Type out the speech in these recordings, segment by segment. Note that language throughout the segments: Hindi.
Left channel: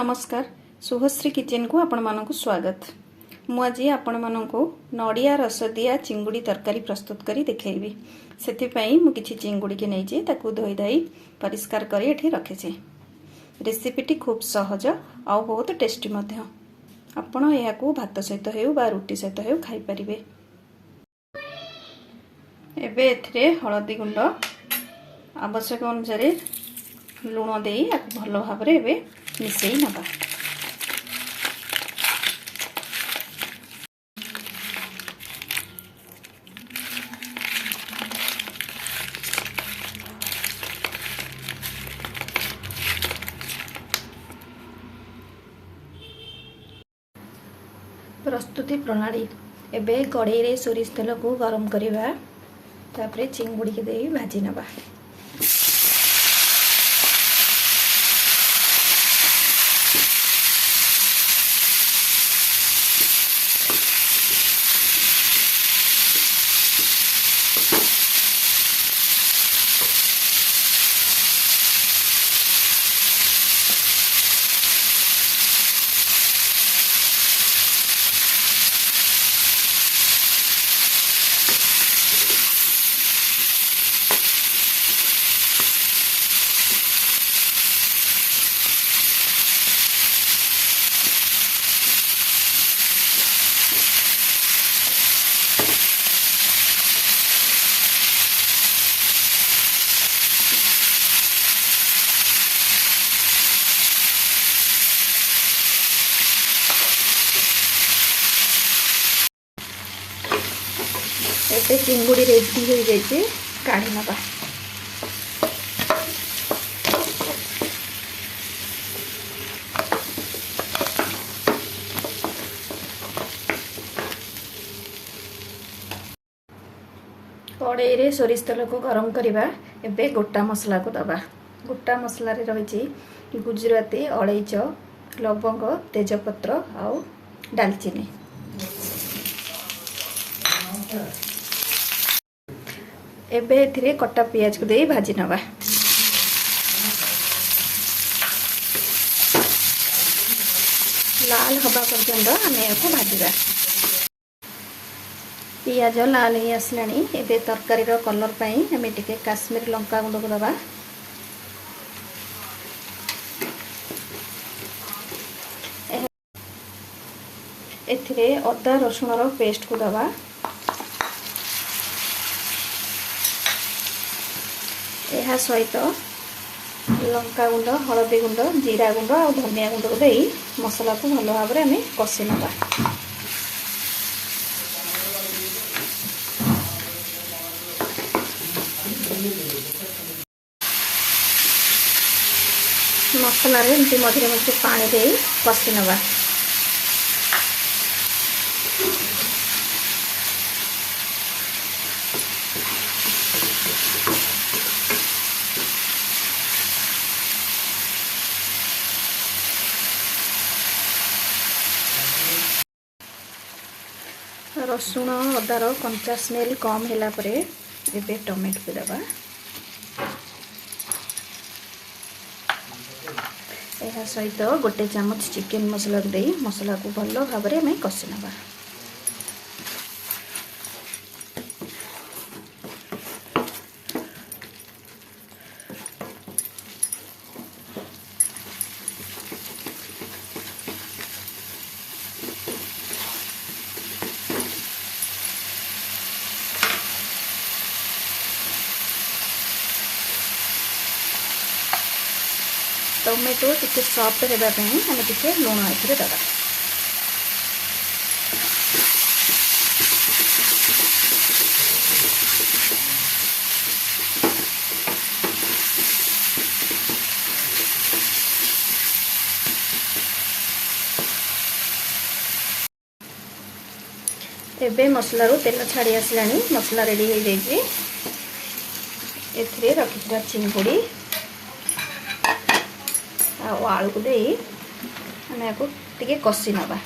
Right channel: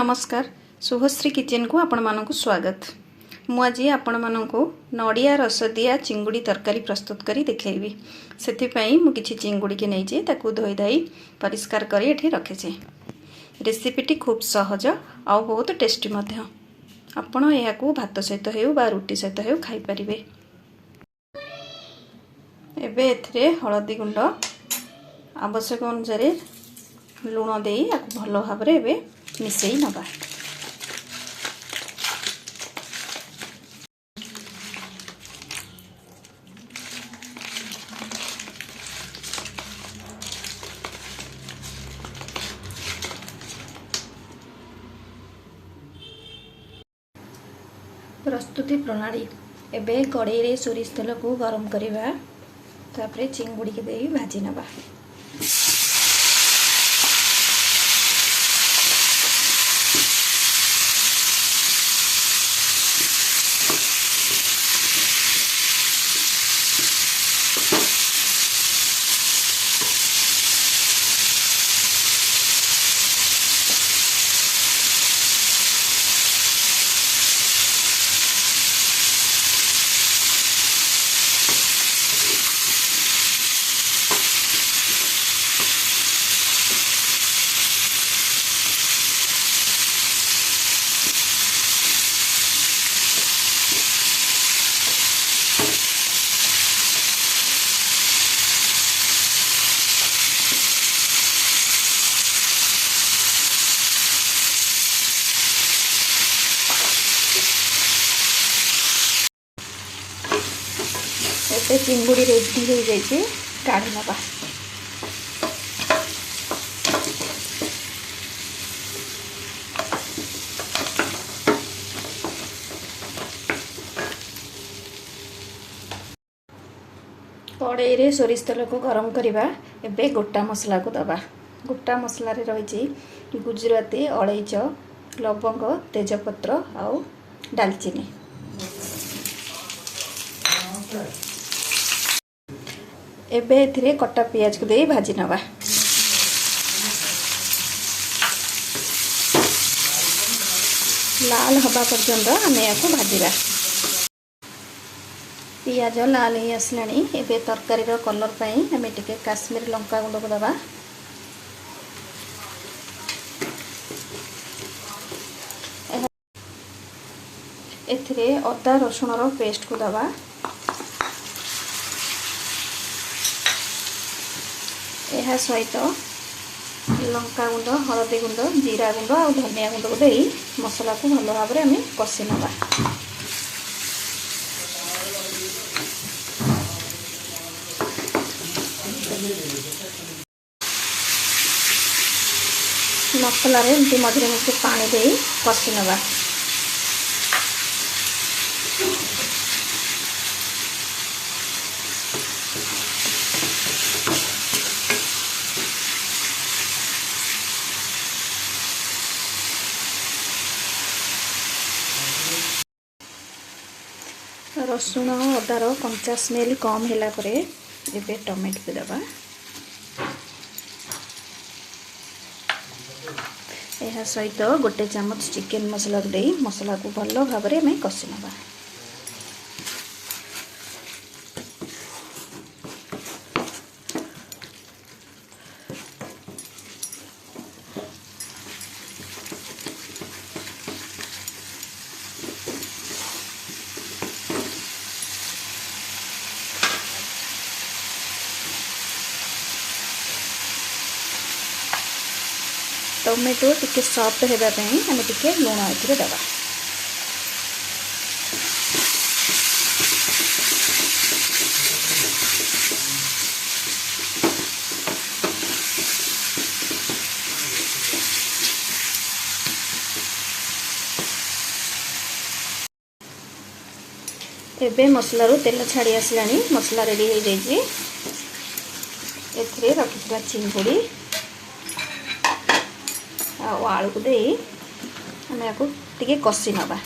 नमस्कार शुभश्री किचन को आपण मानक स्वागत। मु आज आपण मानक नड़िया रस दिया चिंगुड़ी तरकारी प्रस्तुत करी देखैबी। सेथिपई मु किछि चिंगुड़ी के नहीं ताकू धोई धाई परिष्कार करी एठी रखिछे। रेसिपीटी खूब सहज आ बहुत टेस्टी मध्य। आपण एहाकू भात सहित हेउ बा रुटी सहित हेउ खाई परिबे। एबे एथिरे हळदी गुंड आवश्यक अनुसार लुण देई आकु भलो भाबरे एबे मिसई नबा। प्रस्तुति प्रणाली एबे कड़ाई रे सोरिष तेल को गरम करिबा तापरे चिंगुड़ी के देई भाजी नबा। एबे चिंगुड़ी रेडी हो जाइए काढ़ी नबा। कड़ाई रे सोरिष तेल को गरम करिबा। एबे गोटा मसला को दबा। गोटा मसला रे रहिछि गुजराती, अलैच, लवंग, तेजपत्र आउ दालचीनी। एबे एथिरे कटा पियाज को दे भाजी नबा। लाल हवा पर्यंत आमे याको भाजीबा। पियाज लाल ही आसलानी। एबे तरकारी रो कलर पई आमे टिके काश्मीरी लंका गुंड को दबा। एथिरे अदा रसुण रो पेस्ट को दबा। यह सहित लंका गुंड, हलदी गुंड, जीरा गुंड और धनिया गुंड को देई मसला को भलो भाव में आमे कषि नबा। मसला रे एमती मझे मझे पानी देई कषि नबा। रसुण अदार कंचा स्मेल कम होला परे एबे टमाटो को दबा। यह सहित गोटे चम्मच चिकेन मसला दे मसला को भलो भाव में कषि नबा। टमेटो टिके सॉफ्ट होगापी आम टिके लुण ए दबा। एबे मसलारू तेल छाड़ी आसलानी। मसला रेडी हो जाइए। एथिरे रखिथिबा चिंगुड़ी आलू को दे आम या टिके कषि नबा।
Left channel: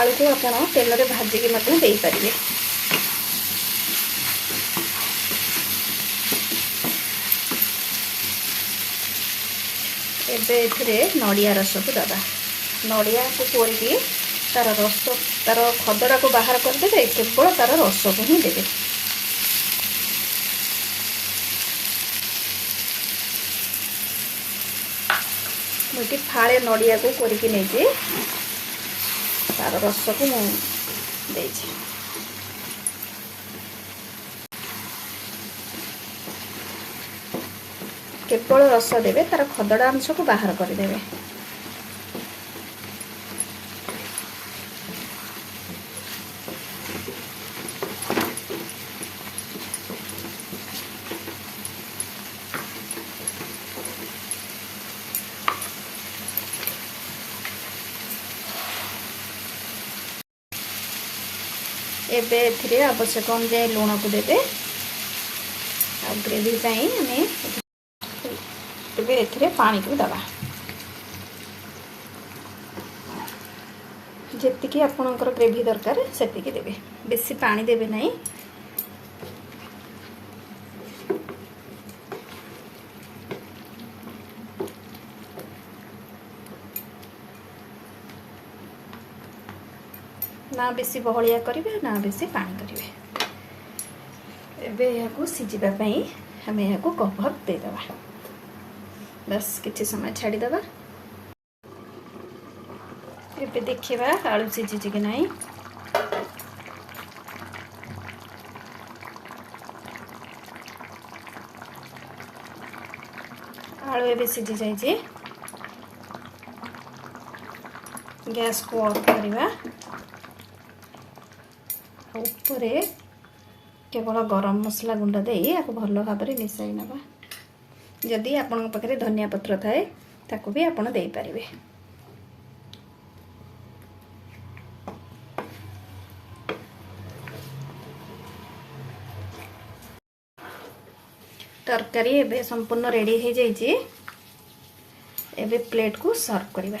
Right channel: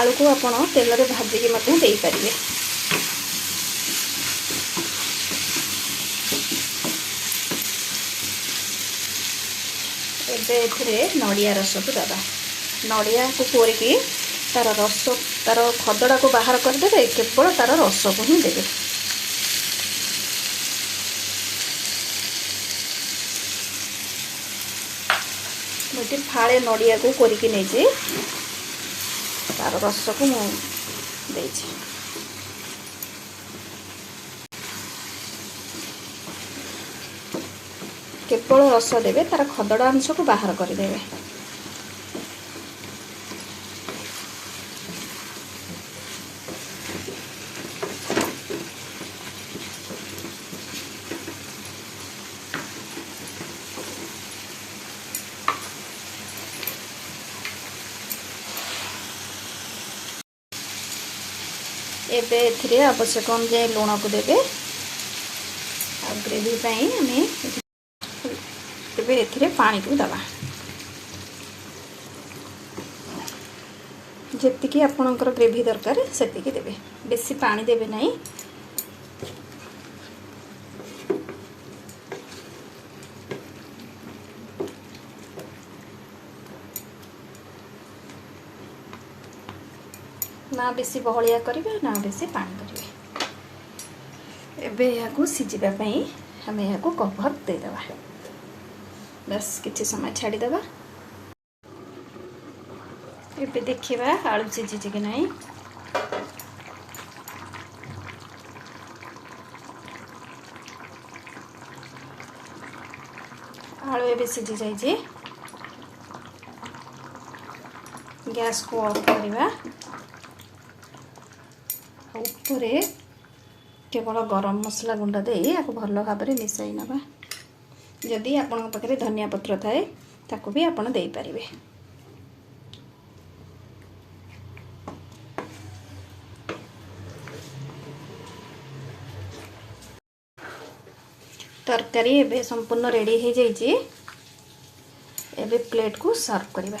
आलू को आपण तेल रे भाजिकी मध्य देई परिबे। एबे एथरे नड़िया रस को दबा। नड़िया को कोरिकी तार रस तार खदड़ा को बाहर कर देबे, केवल तार रस को ही देबे। मुझे फाड़े नड़िया को कोरिकी नै जे तार रस को मु दे छे। केवल रस देवे, तार खदड़ा अंश को बाहर कर देवे। एबे एथिरे आवश्यक अनुसार लुण को देवे। आ ग्रेवी पई हमें एबे एथिरे पानी को दबा। जेतिकी आपनकर ग्रेवी दरकार सेतिकी देवे, बेसी पानी देवे नहीं। ना बेसी बहलिया करिवे ना बेसी पानी करिवे। एबे याकू सिजिबा पई हमें याकू कवर दे देबा। बस किछि समय छाड़ी देबा। एबे देखिबा आलू सिझी कि नहीं। आलू एबे सिझी जाई जे। गैस को ऑफ करिबा। ऊपरे केवल गरम मसला गुंड दे आपको भल भाव में मिसाई नवा। जदि आपण पाखे धनिया पत्र थाए ताकू भी आपण दे पारिबे। तरकारी एबे संपूर्ण रेडी हो जाइए। एबे प्लेट को सर्व करिबा।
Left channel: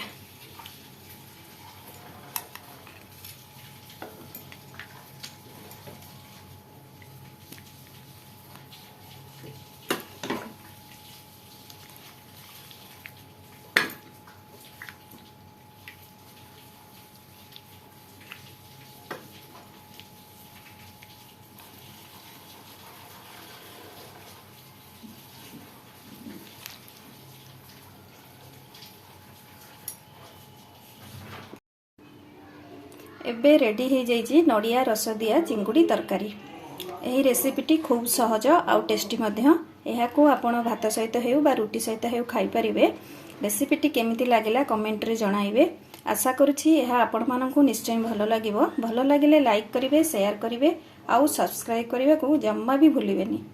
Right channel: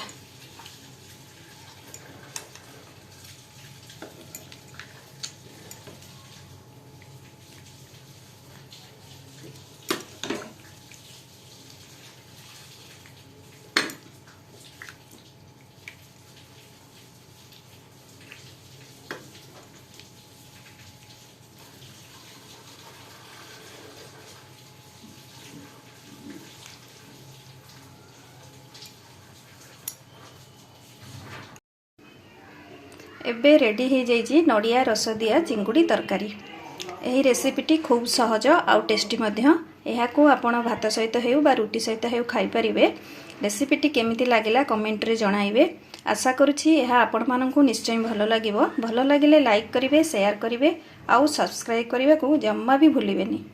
एबे रेडी हो जाइए नड़िया रस दिया चिंगुड़ी तरकारी। यही रेसिपीटी खूब सहज आउ टेस्टी मध्य। को आपण भात सहित हेउ बा रुटी सहित हेउ खाई परिबे। रेसिपीटी केमिति लागिला कमेंट रे जणाइबे। आशा करुछि यह आपण माननकु निश्चय भल लागिबो। भल लागिले लाइक करिवे, शेयर करिवे आउ सब्सक्राइब करने को जम्मा भी भूलिबेनी।